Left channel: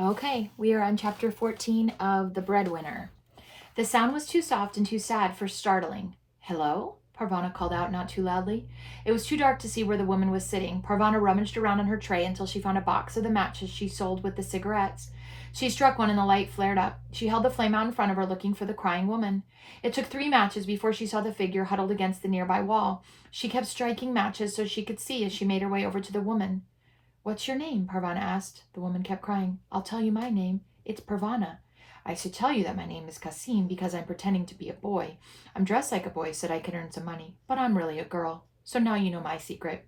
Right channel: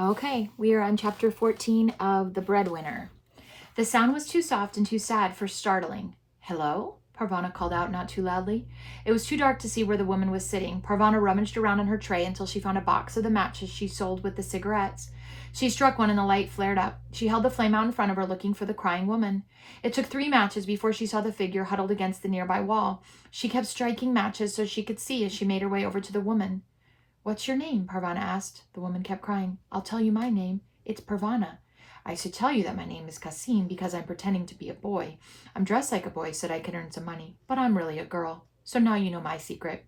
Okay, we are on chapter 14 of The Breadwinner. The sound was too soft and too sad for startling. Hello? Parvana called out, not too loudly. It was too dark to see where the woman was sitting. Parvana rummaged around on her tray until she found a box of the matches she sold with the cigarettes. She struck one and the light flared up. She held the flame out in front of her, looking for the crying woman. It took 3 matches before she saw the figure huddled against the nearby wall. She kept striking matches so she could see as she made her way over to the woman. What's your name? Parvana asked. The woman kept crying. I'll tell you my name. It's Parvana. I should tell you that my name is Kasim because I'm pretending to be a boy. I'm dressed like a boy so that I can earn some money, but I'm really a girl. So now you know my secret.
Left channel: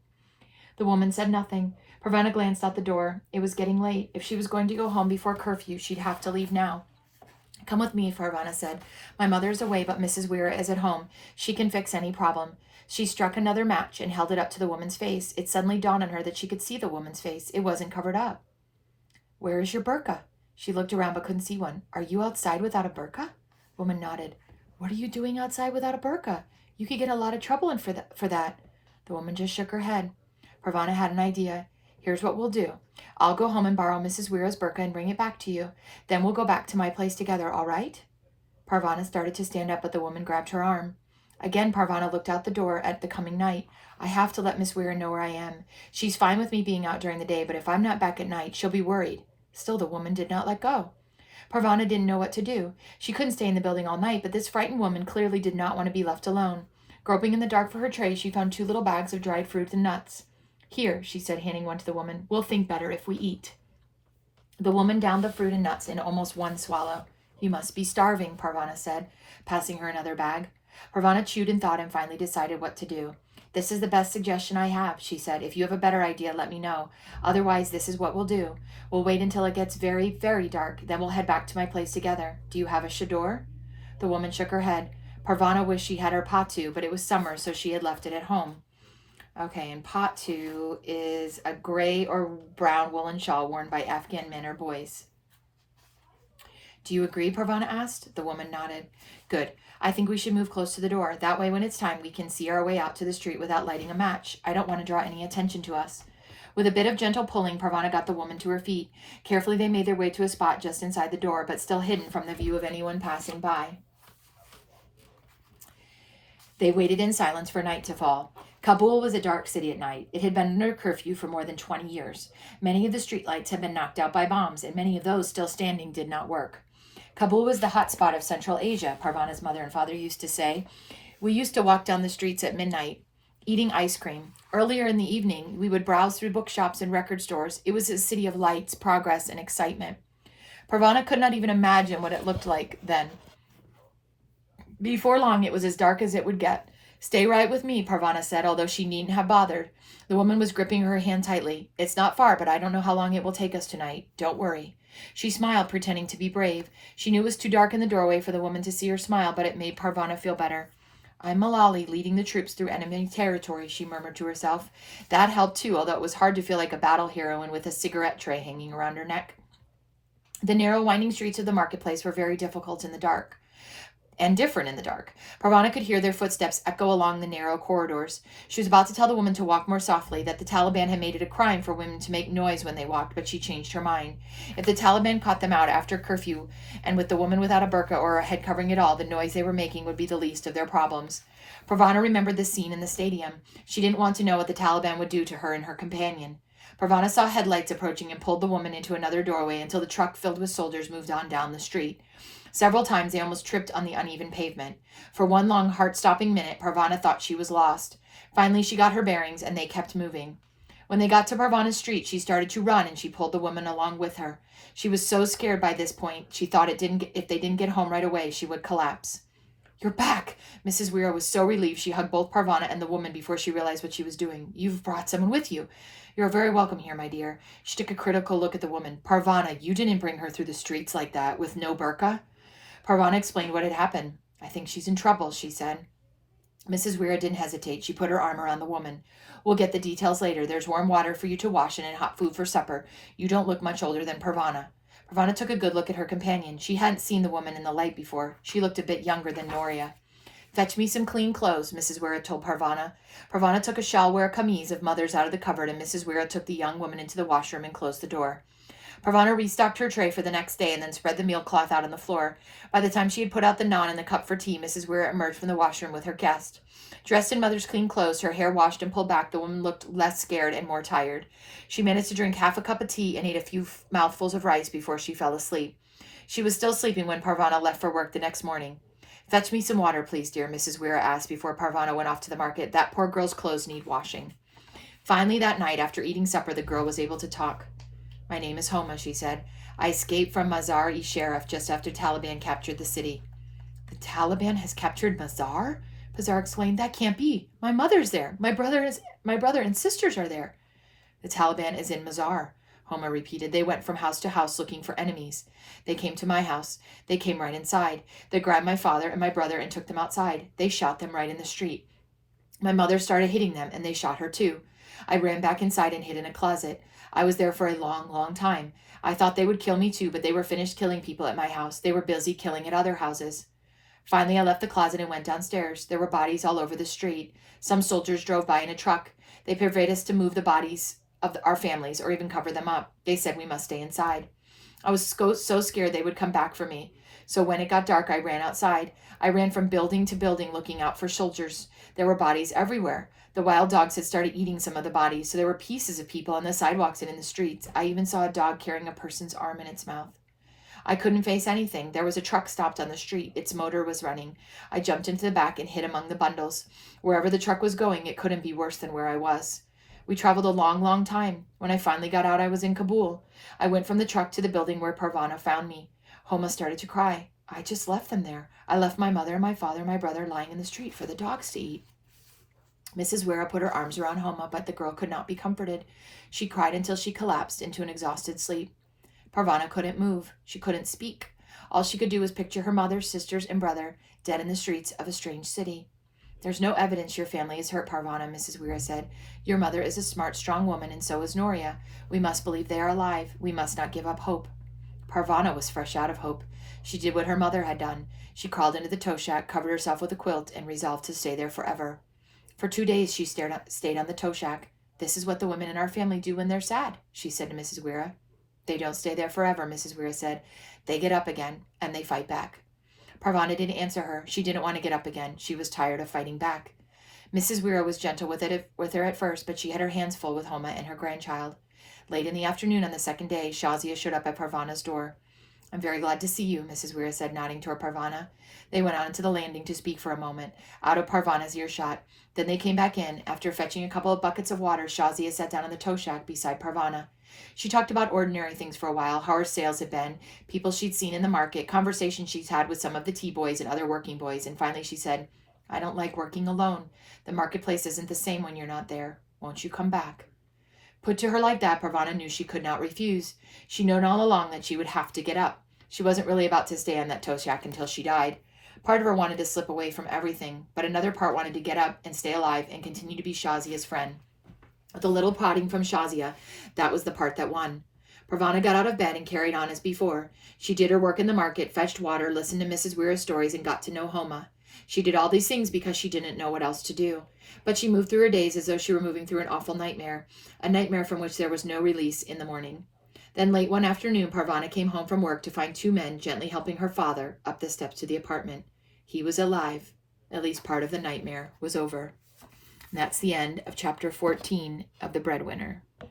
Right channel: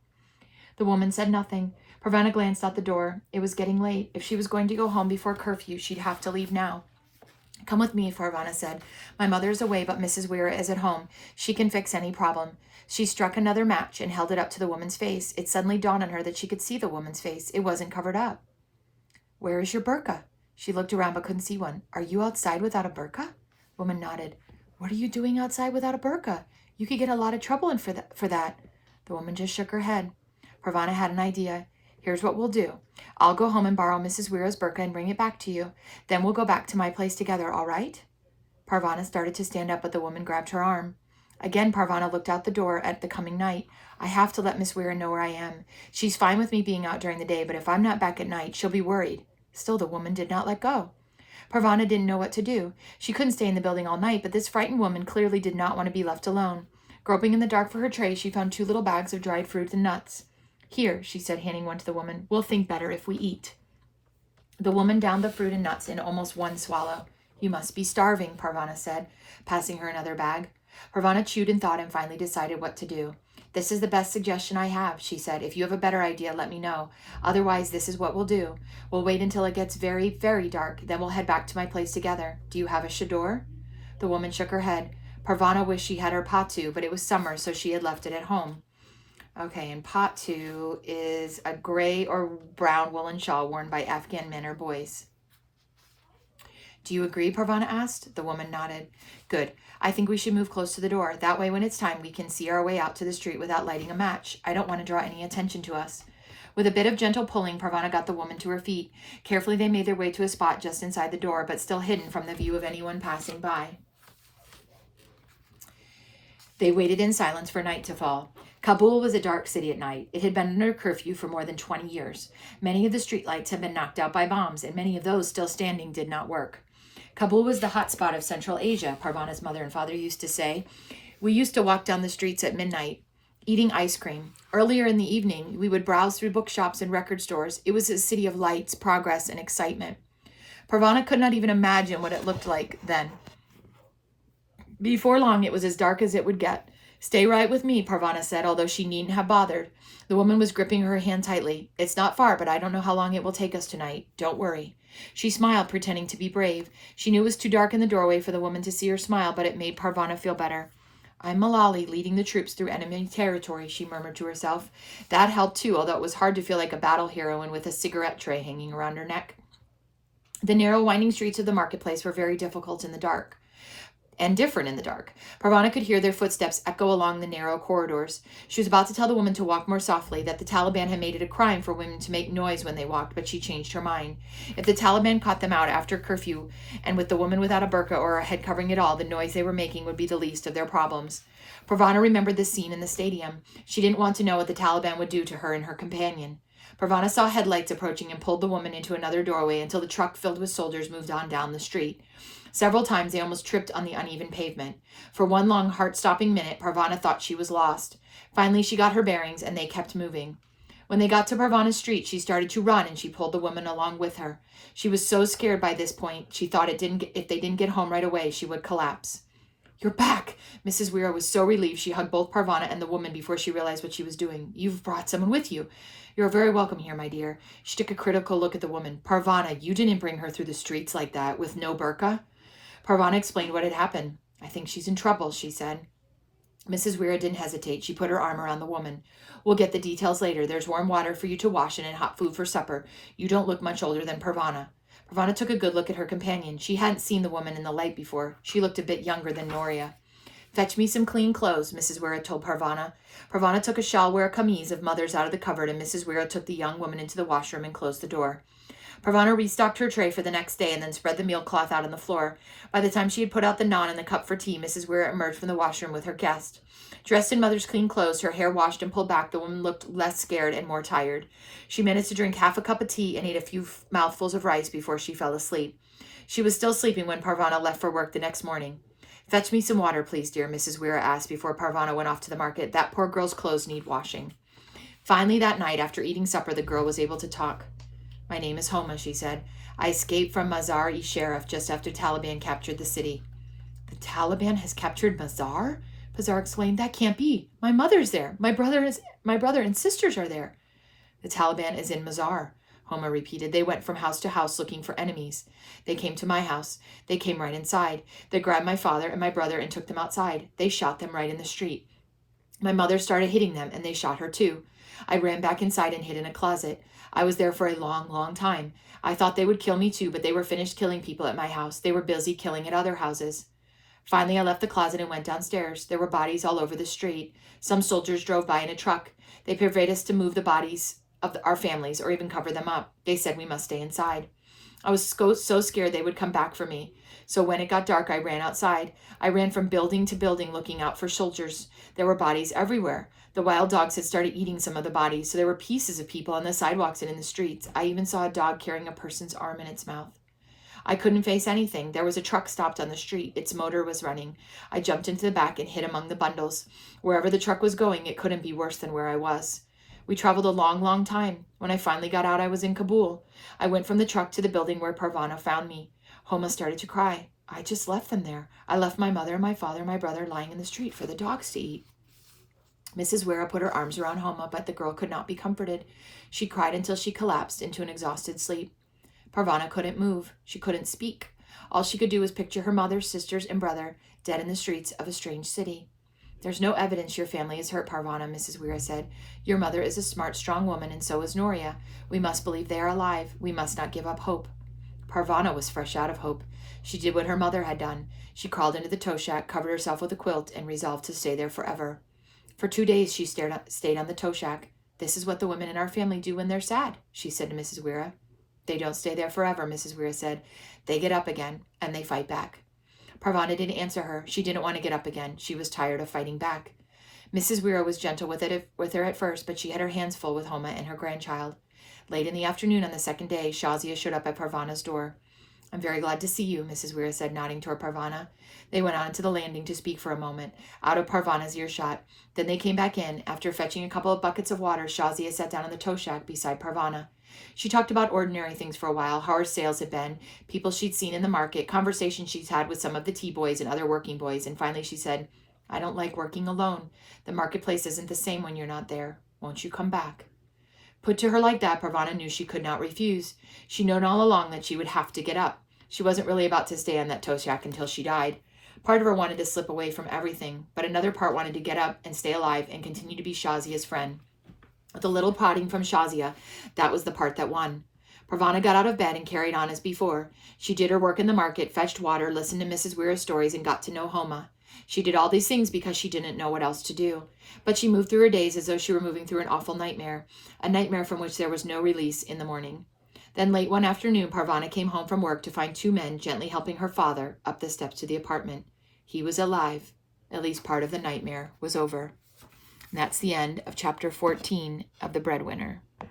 The woman said nothing. Parvana glanced out the door. It was getting late. If she was going to go home before curfew, she'd have to leave now. Come with me, Parvana said. My mother is away, but Mrs. Weir is at home. She can fix any problem. She struck another match and held it up to the woman's face. It suddenly dawned on her that she could see the woman's face. It wasn't covered up. Where is your burqa? She looked around but couldn't see one. Are you outside without a burqa? Woman nodded. What are you doing outside without a burqa? You could get a lot of trouble in for that. The woman just shook her head. Parvana had an idea. Here's what we'll do. I'll go home and borrow Mrs. Weira's burqa and bring it back to you. Then we'll go back to my place together, all right? Parvana started to stand up, but the woman grabbed her arm. Again, Parvana looked out the door at the coming night. I have to let Miss Weir know where I am. She's fine with me being out during the day, but if I'm not back at night, she'll be worried. Still, the woman did not let go. Parvana didn't know what to do. She couldn't stay in the building all night, but this frightened woman clearly did not want to be left alone. Groping in the dark for her tray, she found 2 little bags of dried fruit and nuts. Here, she said, handing one to the woman. We'll think better if we eat. The woman downed the fruit and nuts in almost one swallow. You must be starving, Parvana said, passing her another bag. Parvana chewed and thought and finally decided what to do. This is the best suggestion I have, she said. If you have a better idea, let me know. Otherwise, this is what we'll do. We'll wait until it gets very, very dark. Then we'll head back to my place together. Do you have a chador? The woman shook her head. Parvana wished she had her patu, but it was summer, so she had left it at home. Okay, and patu is a gray or brown woolen shawl worn by Afghan men or boys. Do you agree? Parvana asked. The woman nodded. Good. I think we should move close to the door. That way, when it's time, we can see our way out to the street without lighting a match. I don't want to draw any attention to us. With a bit of gentle pulling, Parvana got the woman to her feet. Carefully, they made their way to a spot just inside the door, but still hidden from the view of anyone passing by. They waited in silence for night to fall. Kabul was a dark city at night. It had been under curfew for more than 20 years. Many of the streetlights had been knocked out by bombs, and many of those still standing did not work. Kabul was the hot spot of Central Asia, Parvana's mother and father used to say. We used to walk down the streets at midnight, eating ice cream. Earlier in the evening, we would browse through bookshops and record stores. It was a city of lights, progress, and excitement. Parvana could not even imagine what it looked like then. Before long, it was as dark as it would get. Stay right with me, Parvana said, although she needn't have bothered. The woman was gripping her hand tightly. It's not far, but I don't know how long it will take us tonight. Don't worry. She smiled, pretending to be brave. She knew it was too dark in the doorway for the woman to see her smile, but it made Parvana feel better. I'm Malali, leading the troops through enemy territory, she murmured to herself. That helped too, although it was hard to feel like a battle heroine with a cigarette tray hanging around her neck. The narrow, winding streets of the marketplace were very difficult in the dark. And different in the dark. Parvana could hear their footsteps echo along the narrow corridors. She was about to tell the woman to walk more softly, that the Taliban had made it a crime for women to make noise when they walked, but she changed her mind. If the Taliban caught them out after curfew, and with the woman without a burqa or a head covering at all, the noise they were making would be the least of their problems. Parvana remembered the scene in the stadium. She didn't want to know what the Taliban would do to her and her companion. Parvana saw headlights approaching and pulled the woman into another doorway until the truck filled with soldiers moved on down the street. Several times they almost tripped on the uneven pavement. For one long, heart-stopping minute, Parvana thought she was lost. Finally, she got her bearings, and they kept moving. When they got to Parvana's street, she started to run, and she pulled the woman along with her. She was so scared by this point, she thought if they didn't get home right away, she would collapse. You're back! Mrs. Weir was so relieved she hugged both Parvana and the woman before she realized what she was doing. You've brought someone with you. You're very welcome here, my dear. She took a critical look at the woman. Parvana, you didn't bring her through the streets like that, with no burqa? Parvana explained what had happened. I think she's in trouble, she said. Mrs. Weir didn't hesitate. She put her arm around the woman. We'll get the details later. There's warm water for you to wash in and hot food for supper. You don't look much older than Parvana. Parvana took a good look at her companion. She hadn't seen the woman in the light before. She looked a bit younger than Noria. Fetch me some clean clothes, Mrs. Weir told Parvana. Parvana took a shawl or a camise of mother's out of the cupboard, and Mrs. Weir took the young woman into the washroom and closed the door. Parvana restocked her tray for the next day and then spread the meal cloth out on the floor. By the time she had put out the naan and the cup for tea, Mrs. Weir emerged from the washroom with her guest. Dressed in mother's clean clothes, her hair washed and pulled back, the woman looked less scared and more tired. She managed to drink half a cup of tea and ate a few mouthfuls of rice before she fell asleep. She was still sleeping when Parvana left for work the next morning. "Fetch me some water, please, dear," Mrs. Weir asked before Parvana went off to the market. "That poor girl's clothes need washing." Finally, that night, after eating supper, the girl was able to talk. "My name is Homa," she said. "I escaped from Mazar-e-Sharif just after Taliban captured the city." "The Taliban has captured Mazar?" Pazar exclaimed. "That can't be. My mother's there. My brother and sisters are there." "The Taliban is in Mazar," Homa repeated. "They went from house to house looking for enemies. They came to my house. They came right inside. They grabbed my father and my brother and took them outside. They shot them right in the street. My mother started hitting them, and they shot her too. I ran back inside and hid in a closet. I was there for a long, long time. I thought they would kill me too, but they were finished killing people at my house. They were busy killing at other houses. Finally, I left the closet and went downstairs. There were bodies all over the street. Some soldiers drove by in a truck. They persuaded us to move the bodies of our families or even cover them up. They said we must stay inside. I was so scared they would come back for me. So when it got dark, I ran outside. I ran from building to building looking out for soldiers. There were bodies everywhere. The wild dogs had started eating some of the bodies, so there were pieces of people on the sidewalks and in the streets. I even saw a dog carrying a person's arm in its mouth. I couldn't face anything. There was a truck stopped on the street. Its motor was running. I jumped into the back and hid among the bundles. Wherever the truck was going, it couldn't be worse than where I was. We traveled a long, long time. When I finally got out, I was in Kabul. I went from the truck to the building where Parvana found me. Homa started to cry. I just left them there. I left my mother and my father and my brother lying in the street for the dogs to eat. Mrs. Wera put her arms around Homa, but the girl could not be comforted. She cried until she collapsed into an exhausted sleep. Parvana couldn't move. She couldn't speak. All she could do was picture her mother, sisters, and brother dead in the streets of a strange city. "There's no evidence your family is hurt, Parvana," Mrs. Wera said. "Your mother is a smart, strong woman, and so is Noria. We must believe they are alive. We must not give up hope." Parvana was fresh out of hope. She did what her mother had done. She crawled into the tow shack, covered herself with a quilt, and resolved to stay there forever. For 2 days she stayed on the tow shack. "This is what the women in our family do when they're sad," she said to Mrs. Wera. "They don't stay there forever," Mrs. Wera said. "They get up again, and they fight back." Parvana didn't answer her. She didn't want to get up again. She was tired of fighting back. Mrs. Wera was gentle with her at first, but she had her hands full with Homa and her grandchild. Late in the afternoon on the second day, Shazia showed up at Parvana's door. "I'm very glad to see you," Mrs. Wera said, nodding toward Parvana. They went on to the landing to speak for a moment, out of Parvana's earshot. Then they came back in. After fetching a couple of buckets of water, Shazia sat down on the tow shack beside Parvana. She talked about ordinary things for a while, how her sales had been, people she'd seen in the market, conversations she'd had with some of the tea boys and other working boys, and finally she said, "I don't like working alone. The marketplace isn't the same when you're not there. Won't you come back?" Put to her like that, Parvana knew she could not refuse. She known all along that she would have to get up. She wasn't really about to stay on that tow shack until she died. Part of her wanted to slip away from everything, but another part wanted to get up and stay alive and continue to be Shazia's friend. With a little prodding from Shazia, that was the part that won. Parvana got out of bed and carried on as before. She did her work in the market, fetched water, listened to Mrs. Wera's stories, and got to know Homa. She did all these things because she didn't know what else to do. But she moved through her days as though she were moving through an awful nightmare, a nightmare from which there was no release in the morning. Then late one afternoon, Parvana came home from work to find 2 men gently helping her father up the steps to the apartment. He was alive. At least part of the nightmare was over. And that's the end of chapter 14 of The Breadwinner.